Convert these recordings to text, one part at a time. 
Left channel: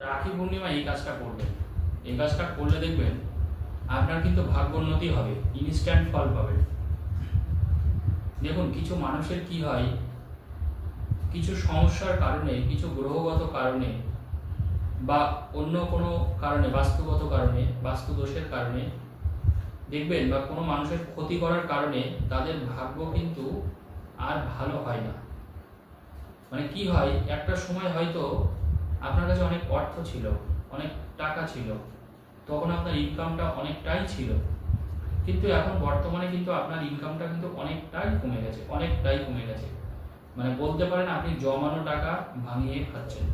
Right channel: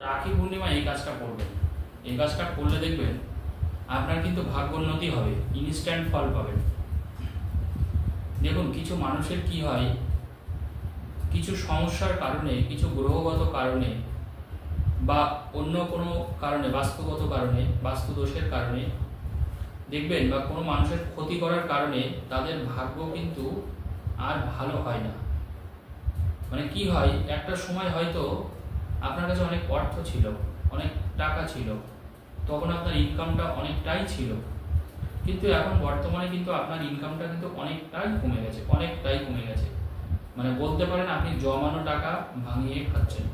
রাখি পূর্ণিমা এই কাজটা করবেন। এই কাজটা করলে দেখবেন আপনার কিন্তু ভাগ্যোন্নতি হবে, ইনস্ট্যান্ট ফল পাবেন। দেখুন, কিছু মানুষের কি হয়, কিছু সমস্যার কারণে, কিছু গ্রহগত কারণে বা অন্য কোনো কারণে, বাস্তুগত কারণে, বাস্তু দোষের কারণে দেখবেন, বা কোনো মানুষের ক্ষতি করার কারণে তাদের ভাগ্য কিন্তু আর ভালো হয় না। মানে কি হয়, একটা সময় হয়তো আপনার কাছে অনেক অর্থ ছিল, অনেক টাকা ছিল, তখন আপনার ইনকামটা অনেকটাই ছিল, কিন্তু এখন বর্তমানে কিন্তু আপনার ইনকামটা কিন্তু অনেকটাই কমে গেছে, অনেকটাই কমে গেছে। মানে বলতে পারেন আপনি জমানো টাকা ভাঙিয়ে খাচ্ছেন,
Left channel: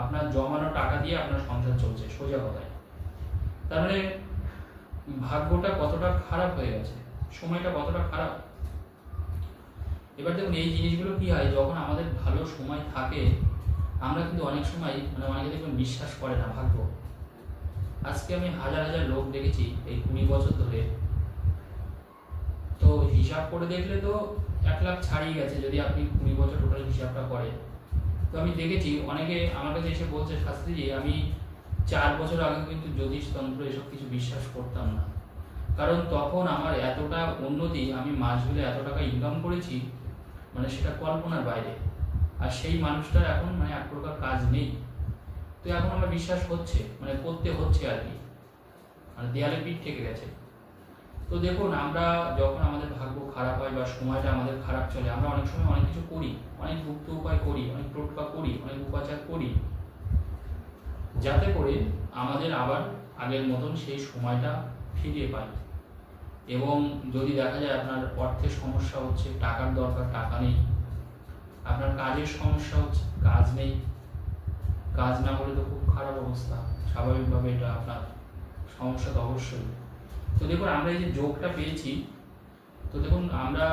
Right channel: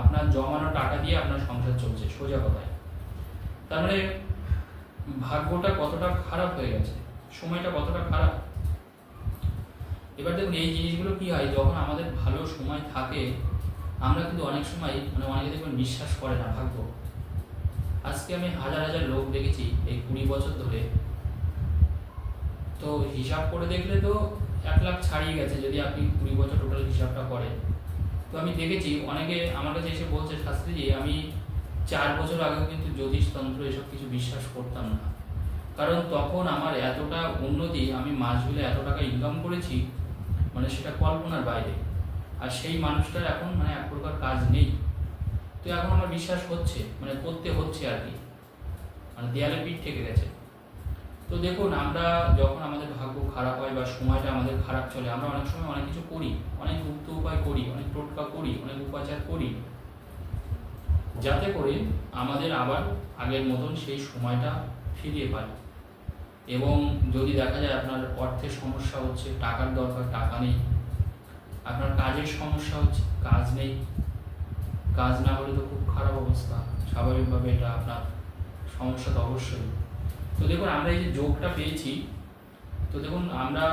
আপনার জমানো টাকা দিয়ে আপনার সংসার চলছে, সোজা কথায়। তার মানে ভাগ্যটা কতটা খারাপ হয়ে গেছে, সময়টা কতটা খারাপ। এবার দেখুন, এই জিনিসগুলো কি হয়, যখন আমাদের ভালো সময় থাকে আমরা কিন্তু অনেক সময়, মানে অনেকে দেখবেন বিশ্বাস করে না ভাগ্য। আজকে আমি হাজার হাজার লোক দেখেছি এই 20 বছর ধরে, তো হিসাব করে দেখলে তো 1 লাখ ছাড়িয়ে গেছে যদি আপনি 20 বছর টোটাল হিসাবটা করেন। তো আমি দেখেছি অনেকে আমার কাছে এসে বলছে, শাস্ত্রীজি আমি 4 বছর আগেও কিন্তু জ্যোতিষতন্ত্র এসব কিছু বিশ্বাস করতাম না, কারণ তখন আমার এতটা উন্নতি, আমি মাস গেলে এত টাকা ইনকাম করেছি, মানে সেটা কল্পনার বাইরে। আর সেই মানুষটার এখন মানে এক প্রকার কাজ নেই। তো এখন আমার বিশ্বাস হচ্ছে, মানে করতে হচ্ছে আর কি, মানে দেয়ালে পিঠ থেকে গেছে। তো দেখুন, আমরা যখন আমাদের ভাগ্য খারাপ হয় বা সময়টা আমাদের খারাপ চলে, আমরা অনেক সময় অনেক কিছু করি, অনেক গুপ্ত উপায় করি, অনেক টোটকা করি, অনেক উপাচার করি, যাতে করে আমাদের আবার আগের মতন সেই সময়টা ফিরিয়ে পাই। এবং যদি দেখা যায় আপনার অর্থের সমস্যা হচ্ছে, টাকার দরকার, টাকা নেই, আপনার কাজের সমস্যা হচ্ছে, কাজ নেই, কাজ না হলে তো খুব খারাপ অবস্থা, স্বাভাবিকভাবে এটা আপনার সমস্যা তো অবশ্যই। তো দেখুন, আমরা এই যে যোগটা পেয়েছি, তো দেখুন আমরা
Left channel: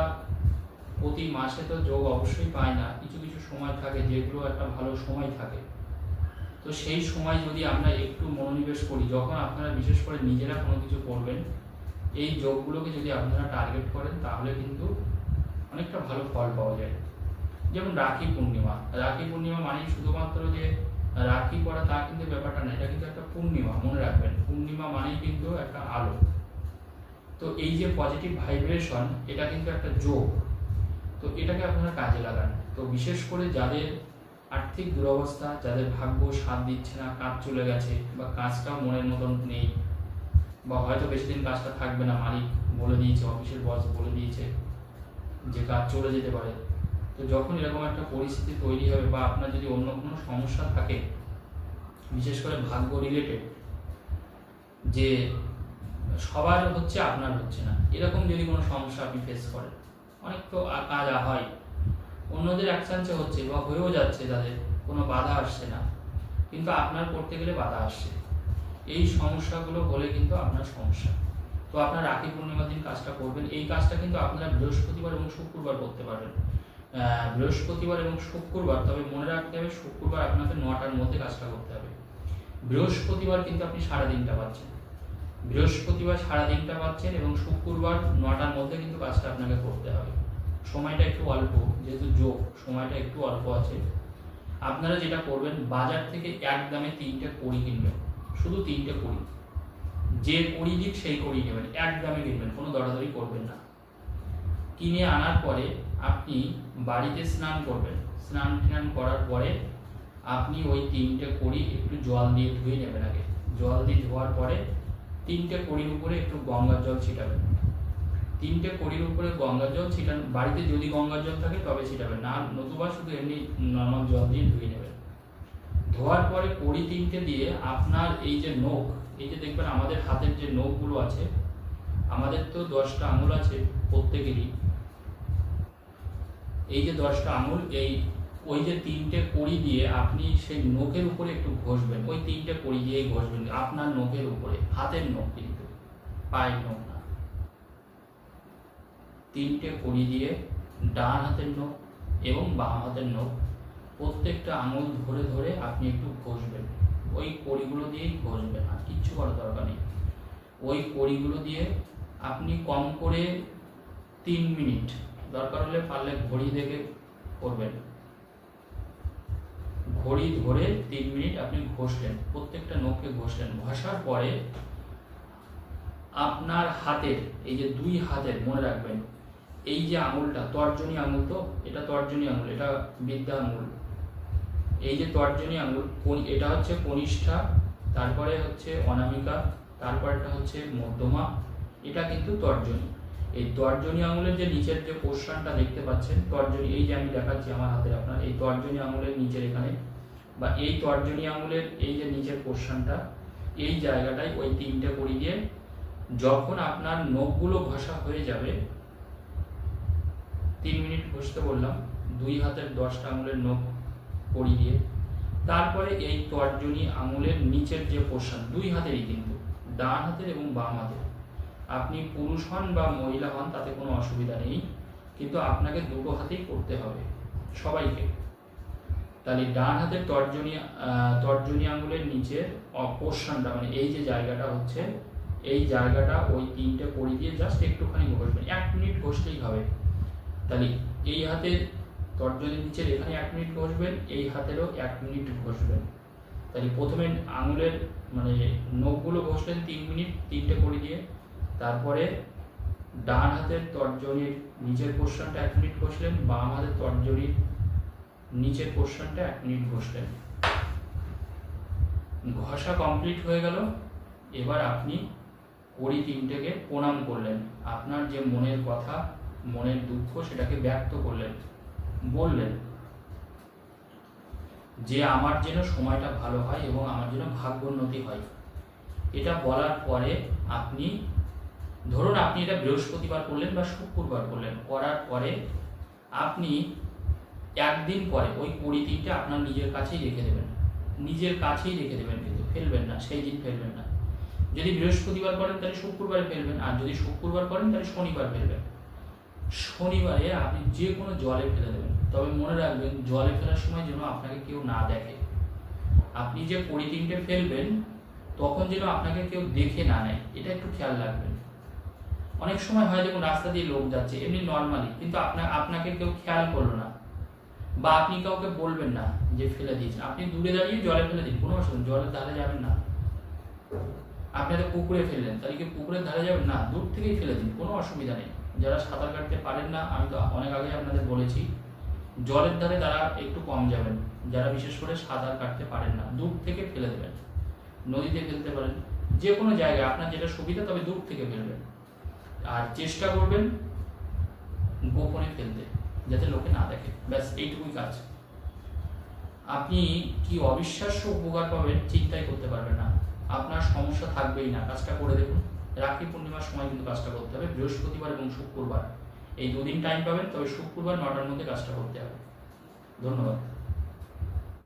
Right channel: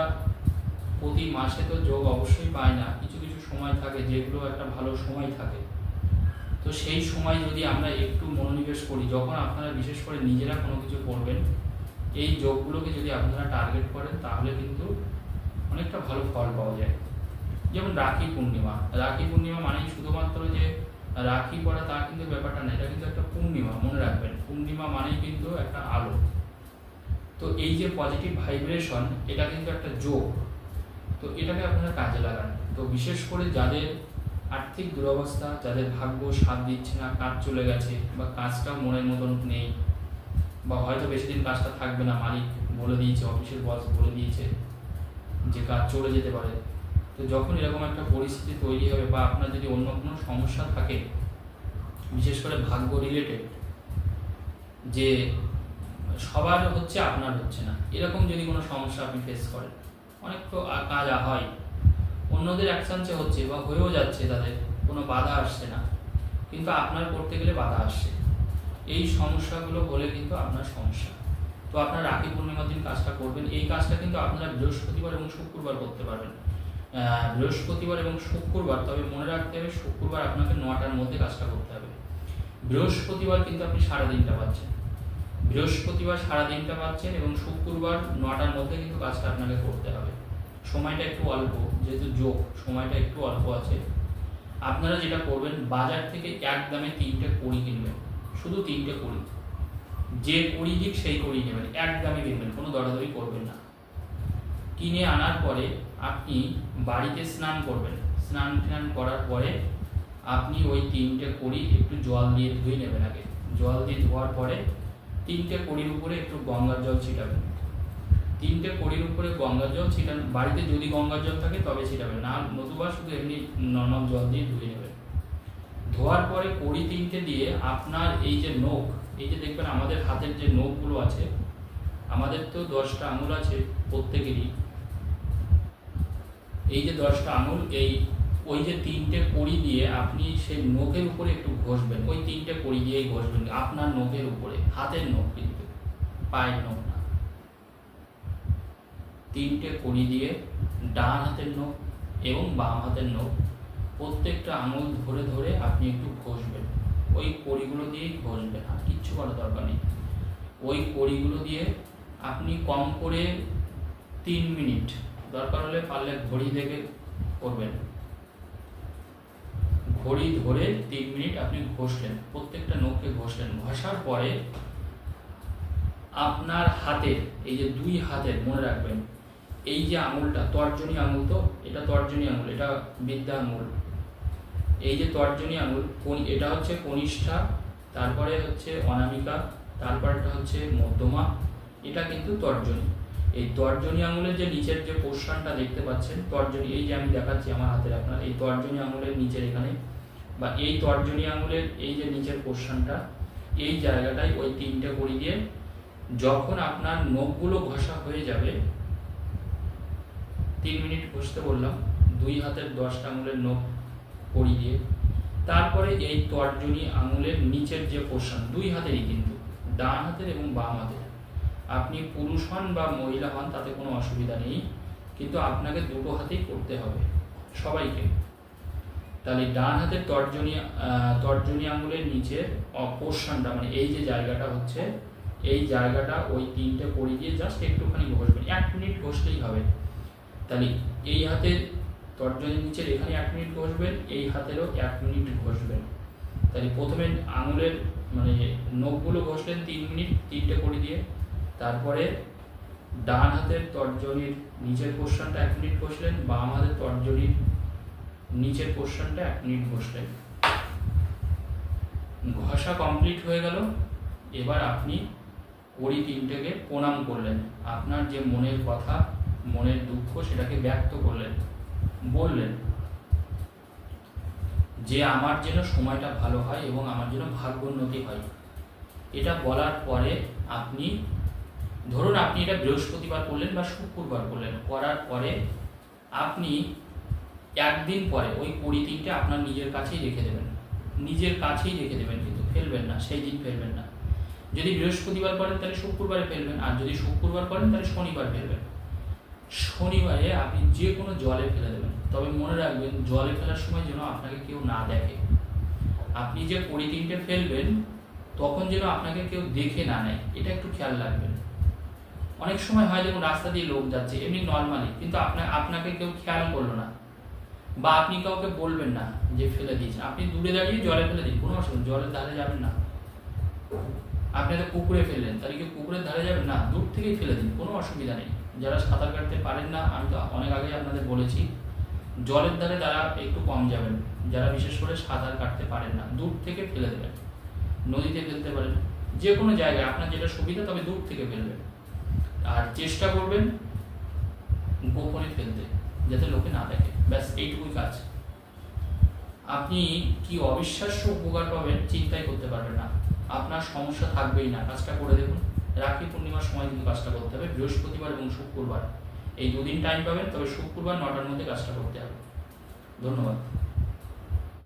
প্রতি মাসে তো যোগ অবশ্যই পাই না, কিছু কিছু সময় থাকে যেগুলো একটা ভালো সময় থাকে। তো সেই সময় যদি আমরা একটু মনোনিবেশ করি, যখন আপনারা বিশেষ করে নিজেরা কোনো কিছু করবেন, এই যোগগুলোকে যদি আপনারা টার্গেট করেন, তাহলে কিন্তু অনেকটা ভালো ফল পাওয়া যায়। যেমন রাখি পূর্ণিমা, রাখি পূর্ণিমা মানেই শুধুমাত্র যে রাখি পরা তা কিন্তু ব্যাপারটা না, এটা কিন্তু একটা পূর্ণিমা, মনে রাখবেন পূর্ণিমা মানেই কিন্তু একটা আলো। তো এই যে পজিটিভ ভাইব্রেশন, এটা কিন্তু একটা যোগ, তো এটাকে আপনারা কাজে লাগান। তো বিশেষ করে যাদের আর্থিক দুরবস্থা, যাদের ভাগ্য সাথ দিচ্ছে না, কাজ চলে গেছে বা কাজটাও মনের মতন নেই, বা হয়তো বেশি দিন কাজটা থাকবে না, মালিক বলে দিয়েছে, অফিসের বস বলে দিয়েছে যে কাজ চলে যেতে পারে, তো যখন এরকম একটা পরিস্থিতি তৈরি হবে, বা আপনার যদি অন্য কোনো সমস্যা থাকে, বিশেষ করে ভাগ্য রিলেটেড, যে সবার হচ্ছে আপনার হচ্ছে না, এরকম যদি কোনো সমস্যা আপনি ফেস করেন, অনেক তো কাজ হয়, অন্যদের এক চান্সে হচ্ছে বা হয়েও যাচ্ছে, তাদের কোনো বাধা আসছে না, কিন্তু আপনার করতে গেলে বাধা আসছে, এই সমস্যাগুলো হলে কিন্তু আপনার সমস্যা। তো আপনার রাখি পূর্ণিমার দিন কাজটা করবেন। এই কাজটা কিন্তু আপনারা বৃহস্পতিবার এবং শুক্রবার করতে পারবেন। বৃহস্পতিবার এবং শুক্রবার, তবে মনে রাখতে হবে শুক্রবার আপনাকে 9টার মধ্যে কাজটা করতে হবে। বৃহস্পতিবার কিন্তু আপনি সারা দিনটা পাচ্ছেন, বৃহস্পতিবার সারা দিনটা পাচ্ছেন, এবং শুক্রবার 9টার মধ্যে কিন্তু কাজটা আপনাকে করতে হবে। সময়টা একটু অল্প, যেহেতু যোগ, সময়টা একটু অল্প আছে। আপনারা যেটা করবেন, বাজার থেকে একদমে 3টে কড়ি কিনবেন, শুধু 3টে কড়ি, যে কড়ি দিক সেই কড়ি নেবেন, একদমই কিনবেন, কোনো দরাদরি করবেন না। কিনে আনার পরে আপনি বাড়িতে স্নান করবেন, স্নান টান করার পরে আপনি ওই 3টে কড়ি একটু জল দিয়ে ধুয়ে নেবেন আগে, জল দিয়ে ধোয়ার পরে 3টে কড়ির উপরে একটু গঙ্গার জল ছিটাবেন, 3টে কড়ির উপরে গঙ্গার জল ছিটান, বাড়িতে যদি গঙ্গার জল থাকে তবে ছিটাবেন, না নতুবা শুধু এমনি নর্মাল জল দিয়ে ধুয়ে নেবেন। ধোয়ার পরে কড়ি 3টে দিয়ে আপনার এই যে নখ, এই যে দেখবেন আমাদের হাতের যে নখগুলো আছে, আমাদের তো 10টা আঙুল আছে প্রত্যেকেরই, এই যে 10টা আঙুল, এই ওই যে 3টে কড়ি দিয়ে আপনি সেই নখের উপরে একটু ঘষবেন, ওই 3টে কড়ি দিয়েই ঘষবেন আপনার নখের উপরে, হাতের নখ কিন্তু, পায়ের নখ না। 3টে কড়ি দিয়ে ডান হাতের নখ এবং বাম হাতের নখ, প্রত্যেকটা আঙুল ধরে ধরে আপনি একটু ঘষবেন, ওই কড়িগুলো দিয়েই ঘষবেন, আর কিচ্ছু করার দরকার নেই। ওই কড়িগুলো দিয়ে আপনি কম করে 3 মিনিট, দরকার হলে পারলে ঘড়ি দেখে করবেন, ঘড়ি ধরে 3 মিনিট আপনি ঘষলেন, প্রত্যেকটা নখকে ঘষলেন। ঘষার পরে আপনার হাতের এই যে 2 হাতের, মনে রাখবেন এই যে আঙুলটা তর্জনী আঙুল, তো এটা তর্জনী আঙুল, এটা বিদ্যা আঙুল। এই যে তর্জনী আঙুল, এটা হচ্ছে কনিষ্ঠা, তারপরে হচ্ছে অনামিকা, তারপরটা হচ্ছে মধ্যমা, এটা কিন্তু তর্জনী। এই তর্জনী আঙুলের যে নিচের যে পোর্শনটা দেখতে পাচ্ছেন, তর্জনী, এই যে আমি দেখাচ্ছি আমার হাতের আপনার, এই তর্জনী আঙুলের নিচের এখানে, বা এই তর্জনী আঙুলের এই যে নিচের পোর্শনটা, এই জায়গাটায় ওই 3টে কড়ি দিয়ে যখন আপনার নখগুলো ঘষা হয়ে যাবে, 3 মিনিট ঘষতে বললাম, 2 হাতের 10টা আঙুলের নখ কড়ি দিয়ে, তারপরে এই তর্জনী আঙুলের নিচের যে পোর্শন, 2 হাতেরই কিন্তু, ডান হাতের এবং বাম হাতের, আপনি পুরুষ হন বা মহিলা হন তাতে কোনো অসুবিধা নেই, কিন্তু আপনাকে দুটো হাতেই করতে হবে সবাইকে। তাহলে ডান হাতের তর্জনী আঙুলের নিচের পোর্শনটা, মানে এই যে জায়গাটা হচ্ছে, এই জায়গাটা ওই 3টে কড়ি দিয়ে জাস্ট একটুখানি ঘষবেন, 1 মিনিট ঘষলেই হবে। তাহলে এই হাতের তর্জনীর নিচের এখানে 1 মিনিট ঘষবেন, এই হাতেরও 1 মিনিট ঘষবেন। তাহলে প্রথমে আঙুলের মানে নখগুলো ঘষলেন 3 মিনিট 3টে কড়ি দিয়ে, তারপরে ডান হাতের তর্জনীর নিচের পোর্শনটা 1 মিনিট ঘষলেন, বাম হাতের তর্জনীর নিচের পোর্শনটা 1 মিনিট ঘষলেন। ঘষা কমপ্লিট হয়ে গেল। এবার আপনি কড়ি 3টেকে প্রণাম করলেন, আপনার যে মনের কথা, মনের দুঃখ সেটাকে ব্যক্ত করলেন, বললেন যে আমার যেন সময়টা ভালো হয় এবং আমার যেন ভাগ্যোন্নতি হয়। এটা বলার পরে আপনি, ধরুন আপনি এটা বৃহস্পতিবার করলেন বা শুক্রবার করলেন, করার পরে আপনি 1 দিন পরে ওই কড়ি 3টে আপনার নিজের কাছেই রেখে দেবেন, নিজের কাছেই রেখে দেবেন, কিন্তু ফেলবেন না, সেই দিন ফেলবেন না। যদি বৃহস্পতিবার করেন তাহলে শুক্রবারে ফেলবেন, আর যদি শুক্রবার করেন তাহলে শনিবার ফেলবেন। শনিবারে আপনি যে কোনো জলে ফেলে দেবেন, তবে মনে রাখবেন জলে ফেলার সময় যেন আপনাকে কেউ না দেখে। আপনি যে কড়ি 3টে ফেলবেন তখন যেন আপনাকে কেউ দেখে না নেয়, এটা একটু খেয়াল রাখবেন। অনেক সময় হয় যখন রাস্তা দিয়ে লোক যাচ্ছে এমনি নর্মালি, কিন্তু আপনাকে কেউ খেয়াল করলো না, বা আপনি কাউকে বলবেন না যে ফেলে দিয়েছেন, আপনি দূরে দাঁড়িয়ে জলে ফেলে দিন, কোনো অসুবিধা, জলের ধারে যাবেন না। আপনি তো পুকুরে ফেললেন, তাহলে কি পুকুরের ধারে যাবেন না, দূর থেকেই ফেলে দিন, কোনো অসুবিধা নেই। যারা সাঁতার কাটতে পারেন না, আমি তো অনেক আগেই আপনাদের বলেছি, জলের ধারে তারা একটু কম যাবেন। যারা বিশেষ করে সাঁতার কাটতে পারেন না, দূর থেকে ফেলে দেবেন। নদীতে ফেলতে পারেন, যে কোনো জায়গায় আপনার যেটা সুবিধা, তবে দূর থেকে ফেলবেন। আর চেষ্টা করবেন গোপনে ফেলতে, যাতে লোকে না দেখে, ব্যাস এইটুকুই কাজ। আপনি কি অবিশ্বাস্য উপকার পাবেন চিন্তাই করতে পারবেন না, আপনার সমস্যা থাকবেই না। কাজটা করে দেখুন, রাখি পূর্ণিমার সময় কিন্তু কাজটা করতে হবে, বৃহস্পতিবার এবং শুক্রবার এই 2 দিন টাইম পাবেন, তবে শুক্রবার 9টার মধ্যে কাজটা করতে হবে। ধন্যবাদ।